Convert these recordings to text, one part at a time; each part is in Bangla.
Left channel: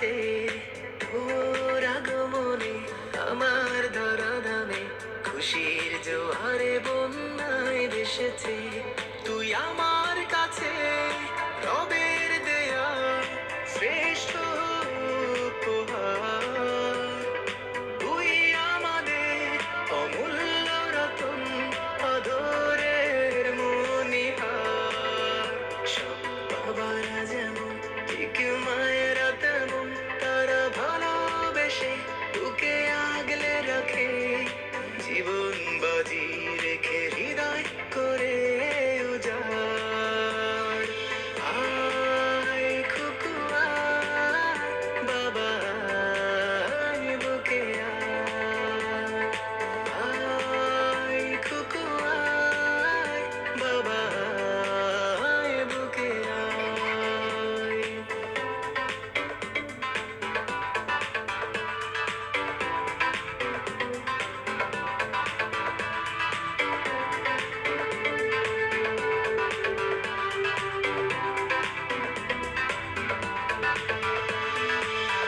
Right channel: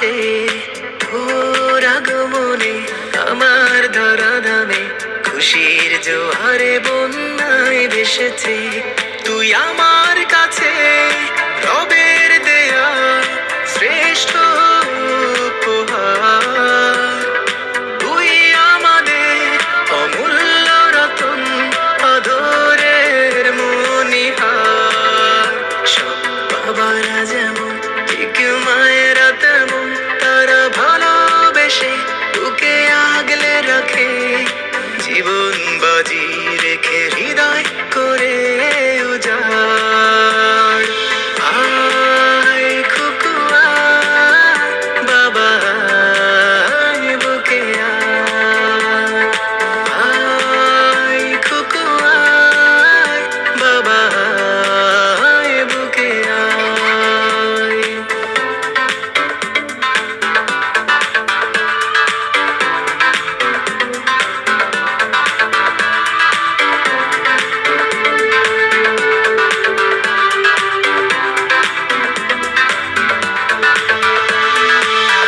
কাছে তোর আগমনে আমার ধরাধামে খুশির জোয়ারে বন্যায় ভেসেছে। তুই আমার কাছে রবের দেয়া শ্রেষ্ঠ উপহার। তুই আমাদের অমূল্য রতন, আদরের মণিহার। সব বাবারা যেমন ঠিক মায়েরা তেমন, তারা ভালোবেসে তোকে আগলে রাখে। জীবন বাজি রেখে হৃদয় করে উজাড়। আয় খুকু আয়, বাবা আয় বুকে আয়। আয় খুকু আয়, বাবা আয় বুকে আয়।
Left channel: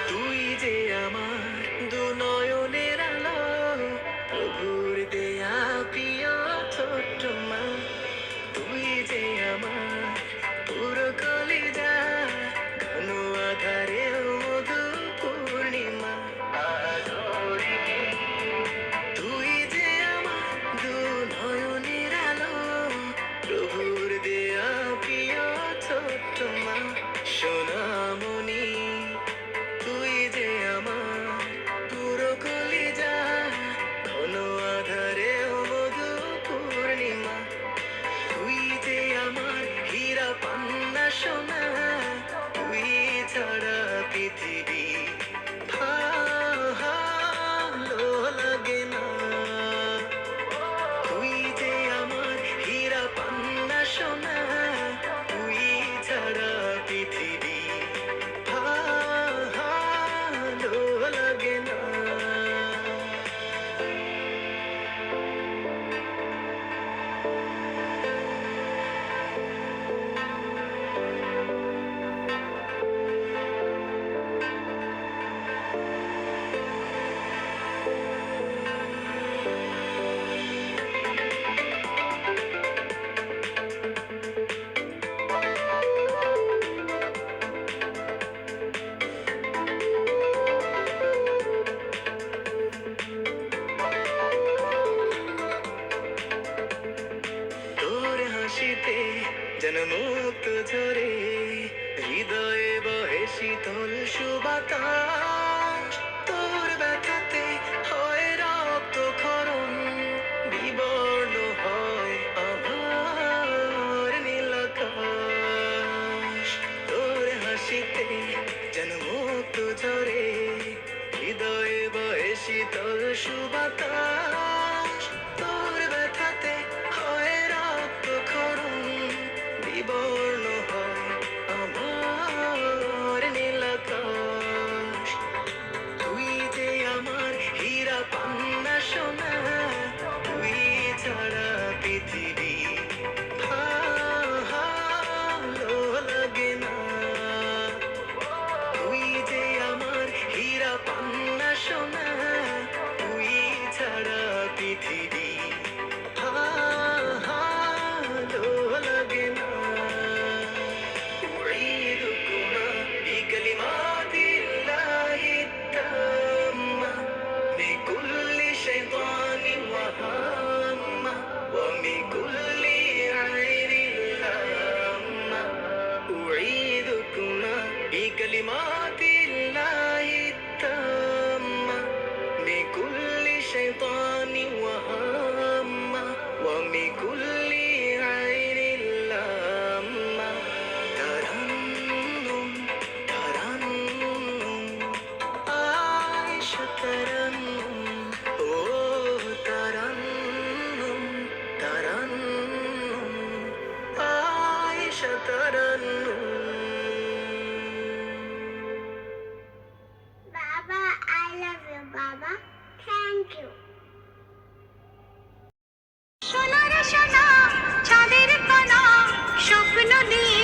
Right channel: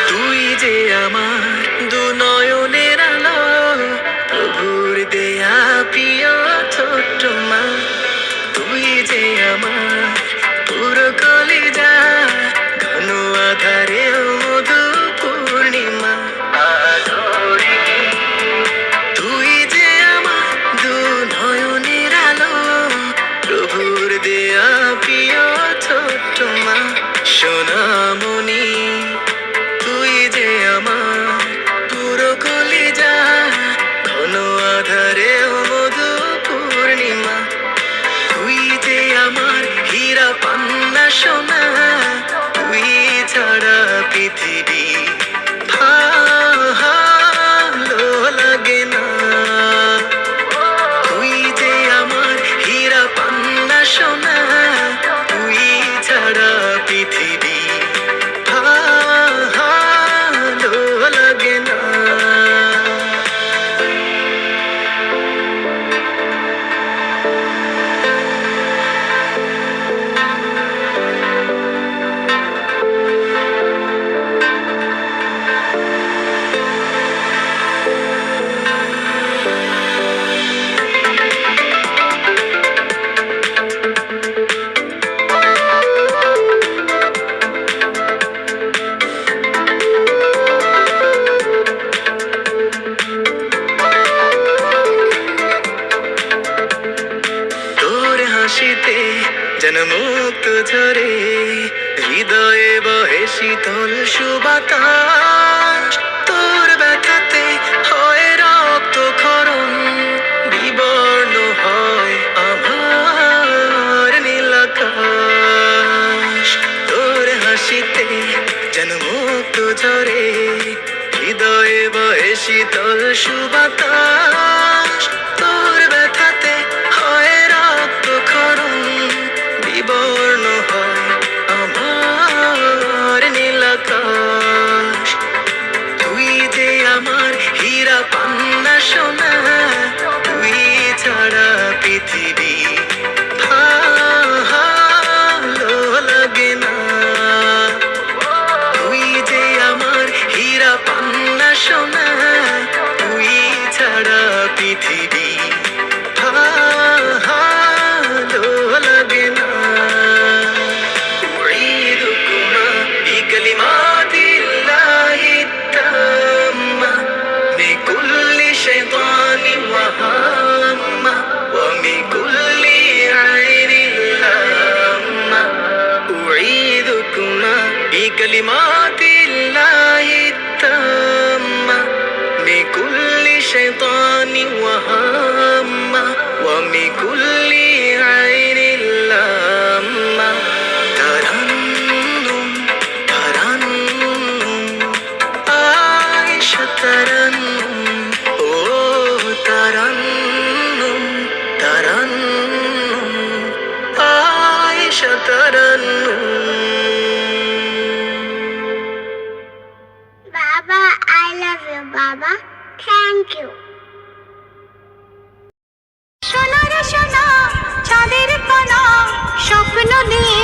তুই যে আমার দু নয়নের আলো, প্রভুর দেয়া প্রিয় ছোট্ট মা। তুই যে আমার পুরো কলিজা, ঘন আধারে মধু পূর্ণিমা। আদরে তুই যে আমার দু নয়নের আলো, প্রভুর দেয়া প্রিয় ছোট্ট মা। সোনামণি তুই যে আমার পুরো কলিজা, ঘন আধারে মধু পূর্ণিমা। তুই যে আমার হীরা পান্না সোনা, তুই ছাড়া পৃথিবী ভালো লাগে না। তুই যে আমার হীরা পান্না সোনা, তুই ছাড়া পৃথিবী ভালো লাগে না। তোর হাসিতে যেন মুক্ত ঝরে, হৃদয়ে বহে শীতল সুবাতাস। তোর ব্যথাতে হয় রক্ত ক্ষরণ, বিবর্ণ হয় আমার নীলাকাশ। তোর হাসিতে যেন মুক্ত ঝরে, হৃদয়ে বহে শীতল সুবাতাস। তোর ব্যথাতে হয় রক্ত ক্ষরণ, বিবর্ণ হয় আমার নীলাকাশ। তুই যে আমার হীরা পান্না সোনা, তুই ছাড়া পৃথিবী ভালো লাগে না। তুই যে আমার হীরা পান্না সোনা, তুই ছাড়া পৃথিবী ভালো লাগে না। উঈদুকুমা বিকালিমাতিল্লাহি তাম্মা মিন কুল্লি শাইতানিন ওয়া হাম্মা ওয়া মিন কুল্লি আইনিন লাম্মা। উঈদুকুমা বিকালিমাতিল্লাহি তাম্মা মিন কুল্লি শাইতানিন ওয়া হাম্মা ওয়া মিন কুল্লি আইনিন লাম্মা। তারান্নুম তারান্নুম আয়েশা তারান্নুম, ও Tarannum Tarannum Ayesha Tarannum. Baba, I love you, Baba. Thank you. সোনার সোনা চাঁদের কোনা স্বপ্ন নিয়ে